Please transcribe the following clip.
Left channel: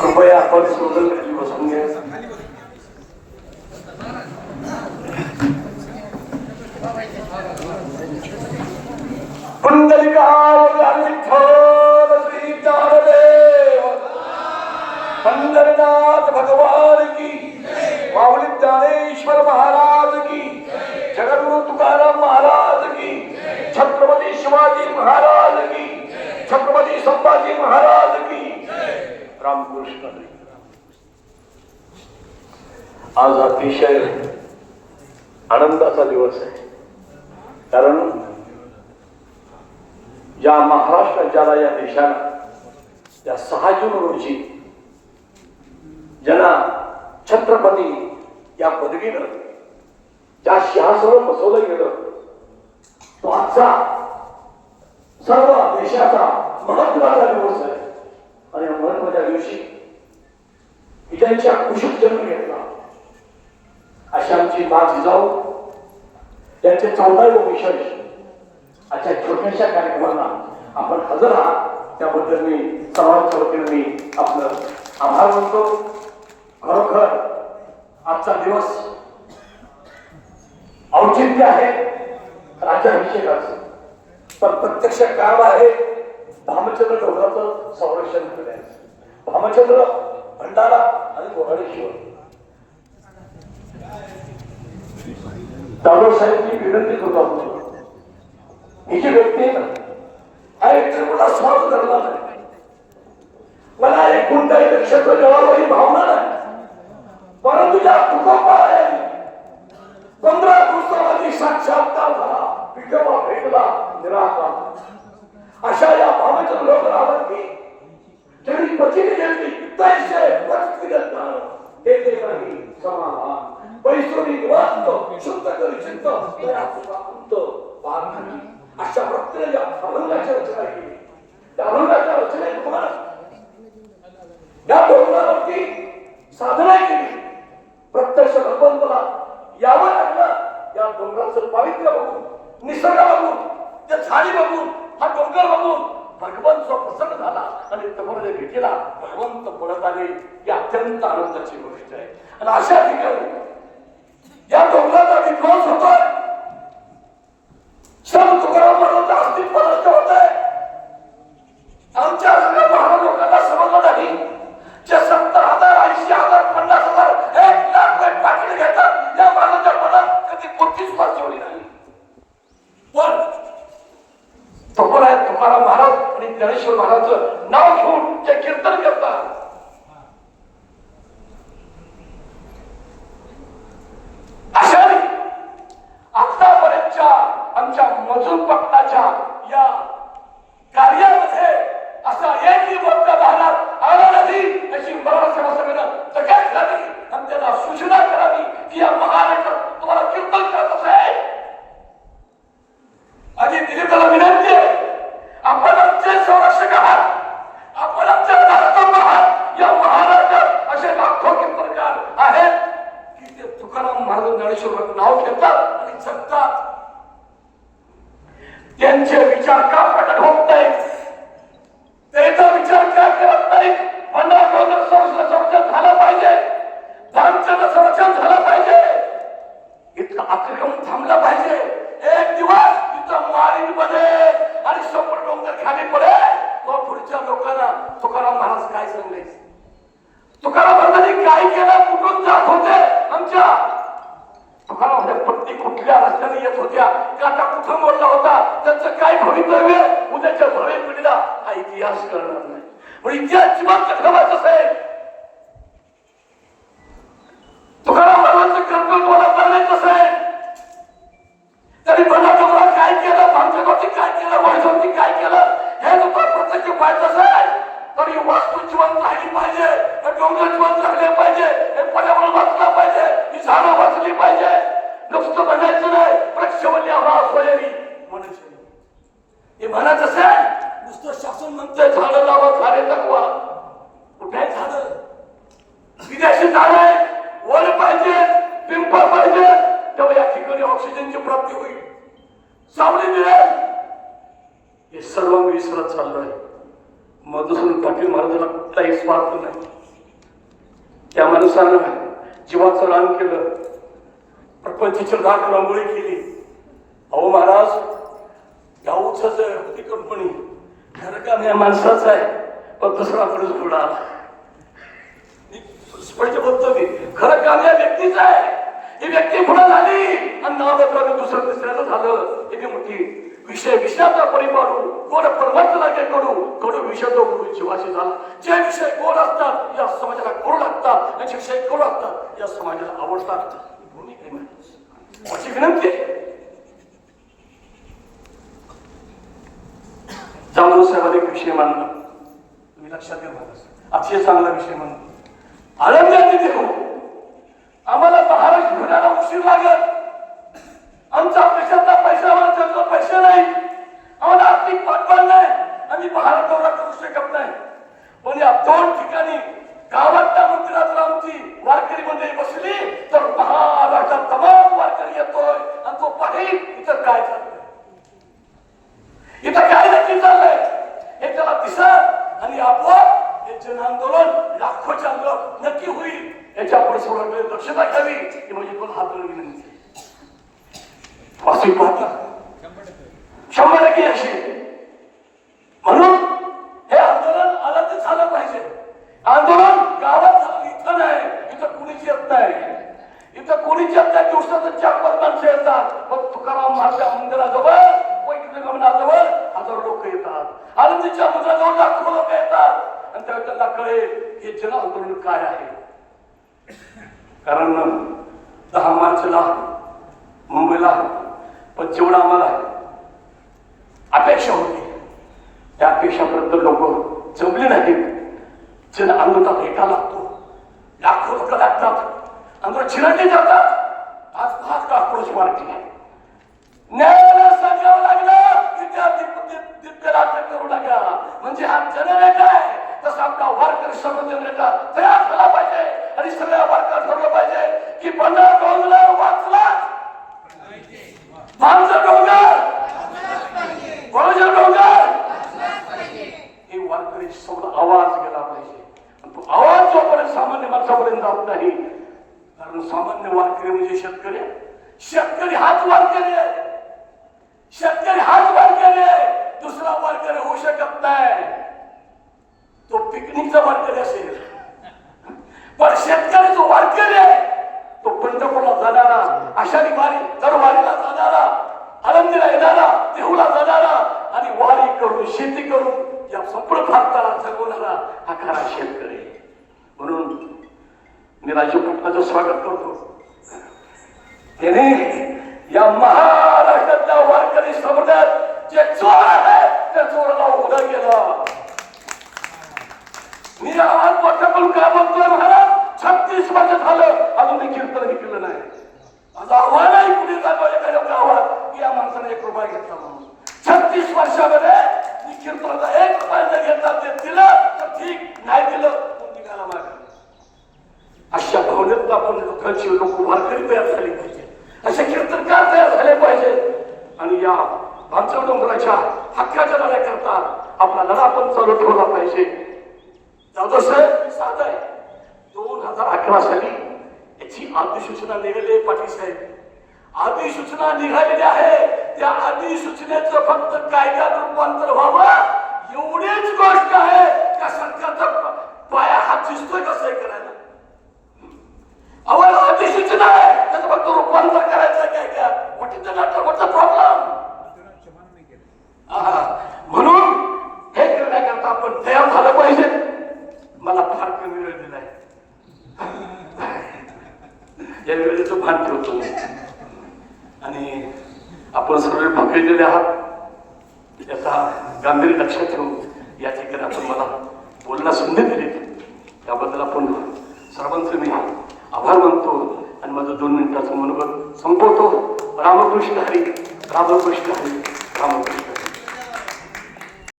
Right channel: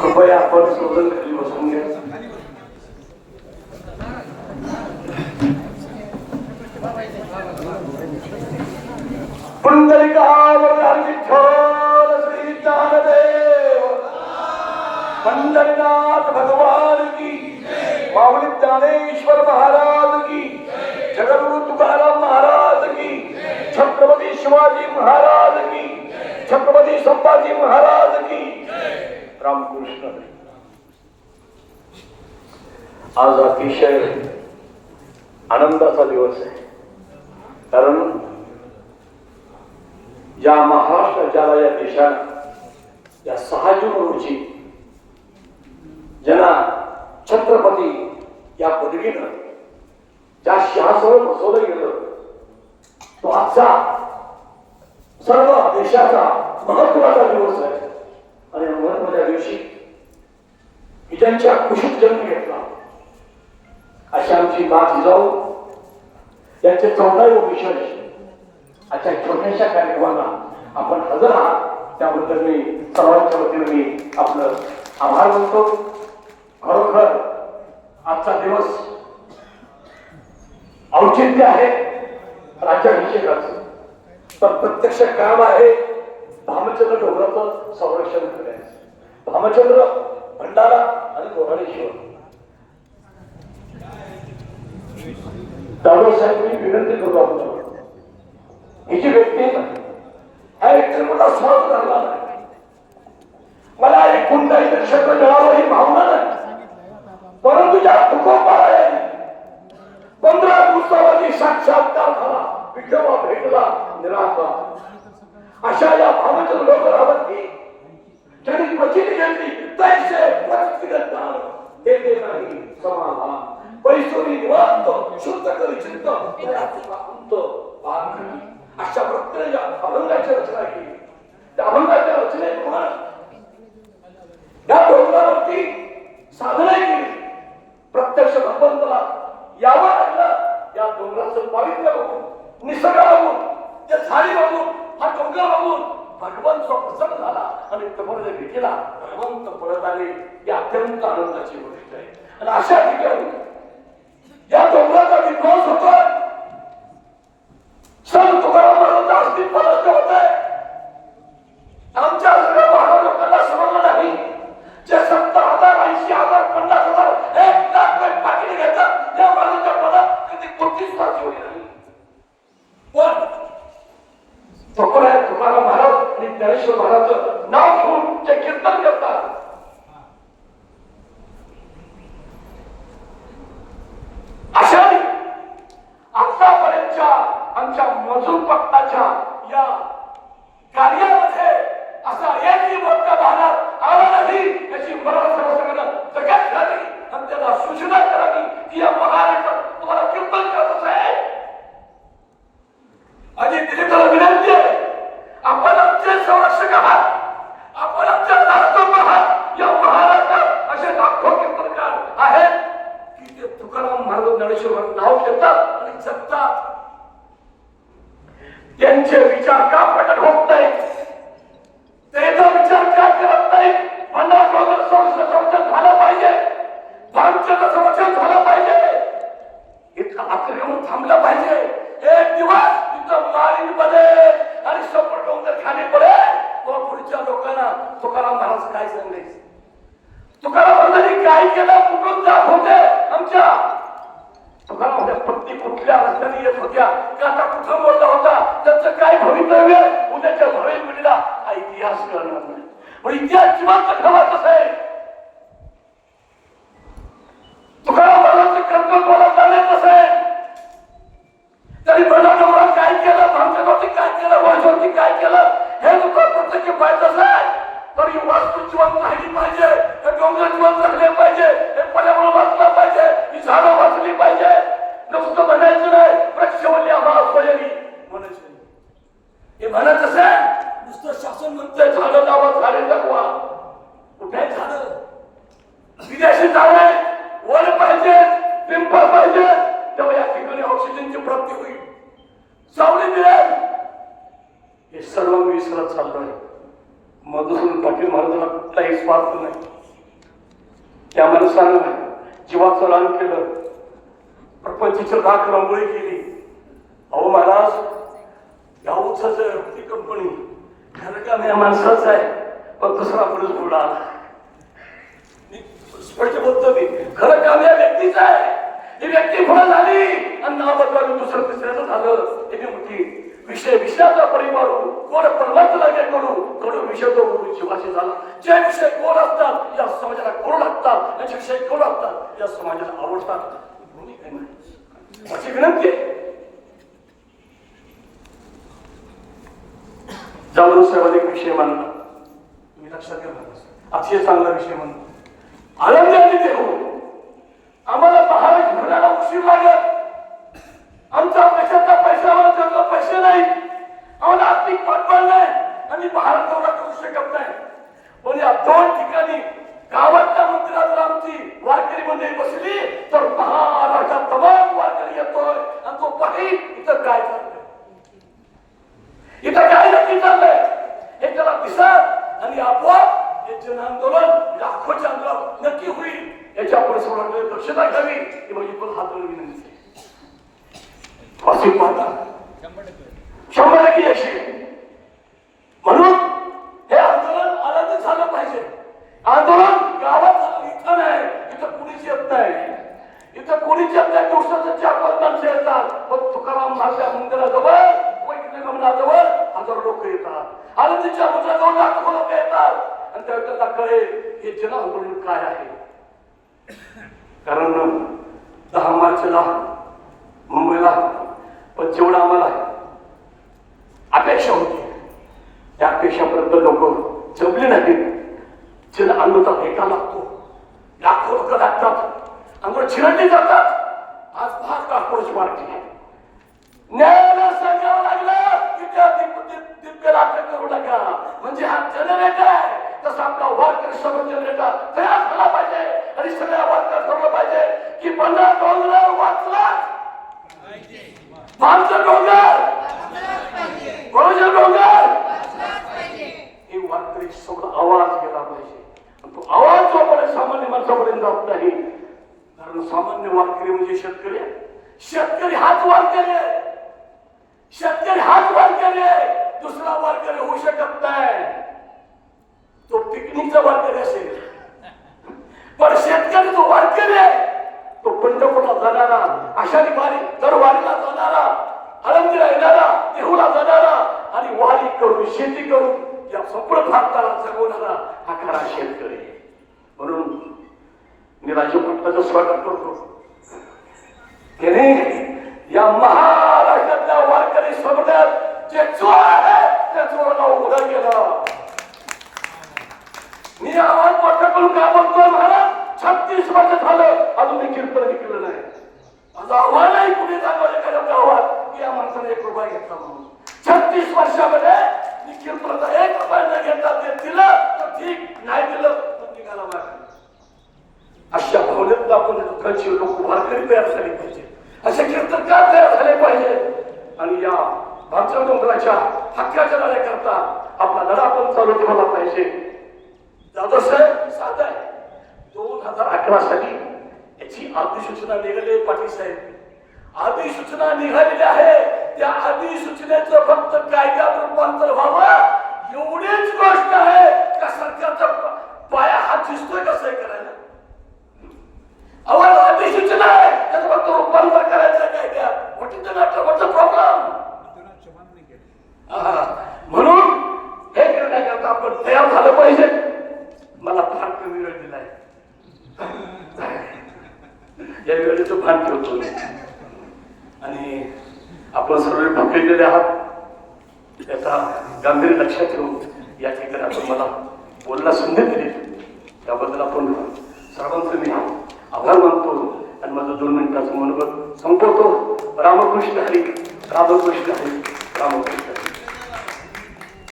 कृपया आपण सोडून बसून घ्या. पुंडलिकावतार विठ्ठल श्री ज्ञानदेव पंढरनाथ भगवान की, माऊली ज्ञानेश्वर महाराज की, जगद्गुरु तुकाराम महाराज की, छत्रपती शिवाजी महाराज की, छत्रपती संभाजी महाराज की, रामकृष्ण. आज अतिशय आनंदाचा दिवस आहे, कारण या महाराष्ट्र राज्याला, या देशाला, या 6 जून रोजी ज्यांना छत्रपती या पदवीनं ज्या सिंहासनावर बसवलं गेलं, तो आजचा सर्व देशाचा महत्वाचा दिवस आहे. आणि या महत्वाच्या दिवशी ही त्यांच्या कुशीत जन्म घेतला अशी आमची मा जिजाऊ यांचे 14वे विशेष आजच्या छोट्याशा कार्यक्रमाला आपण हजर आहात, त्याबद्दल मी सर्वांच्या वतीने मी आपलं आभार मानतो. खरोखर आजचा दिवस औचित्य आहे राज्याभिषेकाचं, तर प्रत्यक्ष काम आहे भामचंद्र डोंगराचं संरक्षण करण्याचं. भामचंद्र, भंडारा आणि गोराडेश्वर. दादो साहेब मी विनंती करतो आपल्याला, ही जी व्यक्ती हा एक त्रिपुरा स्वार्थ धरला नाही, मला एक कोणत्याही नक्षत्र मिळावं ही भावना नाही, परंतु ज्या तुकोबाला 15 दिवसामध्ये साक्षात्कार झाला, विठोबा भेटला निराकार. अशा या भावनेचं लोकांवरती ज्यांनी प्रचिती घेतली, तैसे प्रचितीगत ज्ञान हे देत नाही समाधान. पैसोरी निवांत शुद्ध करी चित्त अशा प्रत्येक अभंगाची रचना केली. त्या अभंगाच्या रचनेत तुम्हाला या डोंगरावरती साधना केली. प्रत्यक्ष भगवंताला यावं लागलं. या डोंगराचं पावित्र्य बघून, निसर्ग बघून, त्या झाडी बघून, हा डोंगर बघून भगवंत प्रसन्न झाला आणि तुम्हाला भेटीला भगवंत पळत आले. ही अत्यंत आनंदाची गोष्ट आहे. आणि अशा ठिकाणी या डोंगराचा विध्वंस होतोय. संत तुकाराम महाराजांचं अस्तित्व नष्ट होतंय. आमच्या सगळ्या महाराज लोकांना समजलं नाही. जे 70,000, 80,000, 50,000, 1,00,000 पाकिट घेतात, या महाराजांच्या मनात कधी कोणतीच पार्श्वभूमी नाही. पण तुकाराम महाराज आणि ज्ञानेश्वर महाराजचं नाव घेऊन ते कीर्तन करतात. अशा आतापर्यंतच्या आमच्या मजूर पक्षाच्या या कार्यामध्ये असा एकही मोठा भागात आला नाही याची मला सगळं जगात झाली. आणि त्यांना सूचना करावी की या महाराष्ट्रात तुम्हाला कीर्तन करत असेल. आणि दिलीपला विनंती आहे, आपण आमचे संरक्षक आहात, आपण आमच्या राष्ट्र आहात. या महाराष्ट्रात असे लाखो कीर्तनकार आहेत की ते तुकाराम महाराज ज्ञानेश्वर नाव घेतात आणि जगतात. त्यांचे विचार का प्रकट होत नाही, त्याचा विचार का करत नाही. संरक्षण झालं पाहिजे, भामचंद्र संरक्षण झालं पाहिजे, इतकं आक्रमण थांबलं पाहिजे. एक दिवस इथं माळीमध्ये आणि सपट डोंगर खाली पडेल, तो पुढच्या लोकांना तुकाराम महाराज काय सांगायचे, तुकाराम महाराजांनी काय केलं, कुठून जात होते. आमच्या तुकाराम पत्नी कुठल्या रस्त्याने येत होत्या, काटा कुठं मोडला होता, त्याचं काय भवितव्य उद्याच्या भविष्य पिढीला हा इतिहास करणार नाही. पण इतिहास जिवंत ठेवायचं आहे. तुकाराम महाराजांचं कर्तव्य मला चालायचं आहे. तरी बंडारात काय केलं, भामचंद्रावरती काय केलं, वळजावरती काय केलं, हे लोक प्रत्यक्ष पाहायचं आहे. तर ही वास्तू जिवंत राहिली पाहिजे, हे डोंगर जिवंत राहिले पाहिजे, हे पर्यावरण वाचलं पाहिजे, ही झाडं वाचली पाहिजे. नुसतं म्हणायचं नाही, वृक्षवल्ली आवाज वैरी म्हणायचं. हे म्हणत असेल नुसतं शासन म्हणतंय झाडं लावा, झाडे जगवा. कुठे झाडं, विदेशी झाडे वर पाहिजे, पिंपळ पाहिजे, तेव्हा या ठिकाणी ऑक्सिजनची प्राप्ती होईल, सावली मिळेल. हे सर्व मी विसरत चाललोय. मधुसूदन पाटील महाराजांना कुठलाही स्वार्थ नाही. त्या माणसानं जीवाचं रान केलं, प्रपंचाची राख रांगोळी केली. अहो महाराज, या उत्साहाचं कंपनी खरं काम या माणसाचं आहे, पण दुसरा पुरुष पुढे आला. स्पष्ट बोलतो मी, खरं काम या व्यक्तीचं आहे. ही व्यक्ती पुढे झाली आणि नाव बदलावून दुसरं तिसऱ्याचं झालं. त्याची मोठी विषयाचा परिवारू गोड परमात्म्याला काय करू, थोडं विषय तो बोलू जीवाशी झाला. जे विषय गोड असतात या समाजाला गोड लागतात, जे विषय गोड असतात या समाजाला आवडतात. अशी विनंती जाधव साहेब एक विषय मांडला, तुम्ही लक्षात घ्या. अतिशय चांगला विषय मांडला. आनंदाने देऊ, आम्हाला महाराज फिरायला उशीर लागत. आमचा पैसा आमच्याकडे पैसे नाही, आम्हाला आर्थिक पाठबळ नाही, आम्ही बाहेर दौरा करू शकत नाही. पण या दोन ठिकाणी गावातल्या मंदिरात आमची वारकरी मंडळी बसली तर महाराष्ट्रात तमाम वारकरी येतोय आणि तो पाहिजे इथं काय चाललंय, इथं काय नक्की चाललंय हे त्याला दिसत आणि आपोआप हे जन आंदोलन लाखोच्या अंतरात नक्की होईल. याच्या पुढे दक्षता घ्यावी ही म्हणजे तुला हात विनंती. अशी पाहता 100% अशी म्हणून हे आंदोलन आनंद झालं पाहिजे. आंदोलन गावात झालं, इथं नाही. इथं कुणीच येत नाही, इथं कुणीच येत नाही. दिवसाचं 4-5 माणसं येतात. पण तुकाराम महाराज मंदिराजवळ गमनाजवळ 1000 लोक येतात. आनंदीच्या मंदिराजवळ लाखो लोक येतात आणि त्यांना कळेल हे जन आंदोलन काय आहे. कारण 10 मार्चला मुंबईला पण जेवढं आम्हाला अपेक्षा होती त्या अपेक्षापर्यंत लोक जमले नाहीत. जन आंदोलनात एका लागतो, लाखो लोक लागतात, आंदोलन चिरडले जातात. आज 5 लाखोची वाढती न्यायाला सांगावं लागलं विद्यार्थी अटक करू नका. म्हणजे हा जनरेटर आहे तसा आपला वारकरी समज जनरेटर तयार झाला पाहिजे आणि सगळ्या वारकरी ठरवलं पाहिजे की पंढरा डोंगर वाचला, मानचं डोंगर, कोणाचं डोंगर, हे वारकरी समोर आवाज गेला पाहिजे. तो आवाज जोपर्यंत सामान्य माणसापर्यंत जात नाही, कारण सामान्य वारकरी म्हणजे शेतकरी. शेतकरी हाच वारकरी आहे, शेतकरी हाच वारकरी आहे, दुसरा वारकरी होऊ शकत नाही. तो पिकनिकचा वारकरी असेल, पण शेतकरी जो वारकरी आहे तो पंढरपूरला जाणारा, आषाढी वारी दर वारीला जाणारा, आनंदीला येणारा, देहूला जाणारा आणि वारी करून शेती करून या संपूर्ण भारताला जगवणारा हा खरा शेतकरी. म्हणून मी राजीव पाटलाचं स्वागत करतो. त्याने या महाराष्ट्रातल्या वारकरी समाजात जे चोर आहे त्या चोराला उघड केलं. मी आवाज मोठा करून का बोलतोय महाराज? 36 वर्ष झालं अजून देखील केलं नाही. माझा आव्हान आहे पुढे जातो एखाद्या गावात की या माणसाने 1 रुपया घेतला म्हणून. 36 वर्षामध्ये मी कीर्तनाचा 1 रुपया न घेता ते दिलं तर ठीक, नाही दिलं तर निघाला मागे. अशा भावनेत आपण लोकांची लोक वारकरी तयार झाली पाहिजे, असे कीर्तनकार तयार झाले पाहिजे. आणि या भामसर डोंगराच्या हक्काच्या लढ्याकरता आपला लढा पण चालू ठेवला पाहिजे. जाधव साहेब साध आहे. 2011 साली याची अधिसूचना निघाली. पाटील साहेब, अधिसूचना निघालेली आहे. त्या अधिसूचनेचं फक्त कायद्यात रूपांतर व्हावं एवढीच गोष्ट आहे. त्या सरकारचा पाया हात दिसतोय कसं करायला. आम्हाला अधिसूचना आहे, त्याचं फक्त रूपांतर करायचं कायद्यात. What is the matter, what the problem. म्हणून हे करण्याकरता आपण तयार झालं पाहिजे. मला फार कमी वेळ दिलाय, या वेळेचं भान ठेवतो आणि आपण सर्व भकलेले आहात त्याचा गांभीर्य लक्षात ठेवून या ठिकाणी आपण मला बोलण्याला संधी दिली त्याबद्दल आपण सर्वांचं मी आभार मानतो आणि माझं 2 मिनिटाचं मनोबल संपवतो. रामकृष्ण हरी, रामकृष्ण हरी.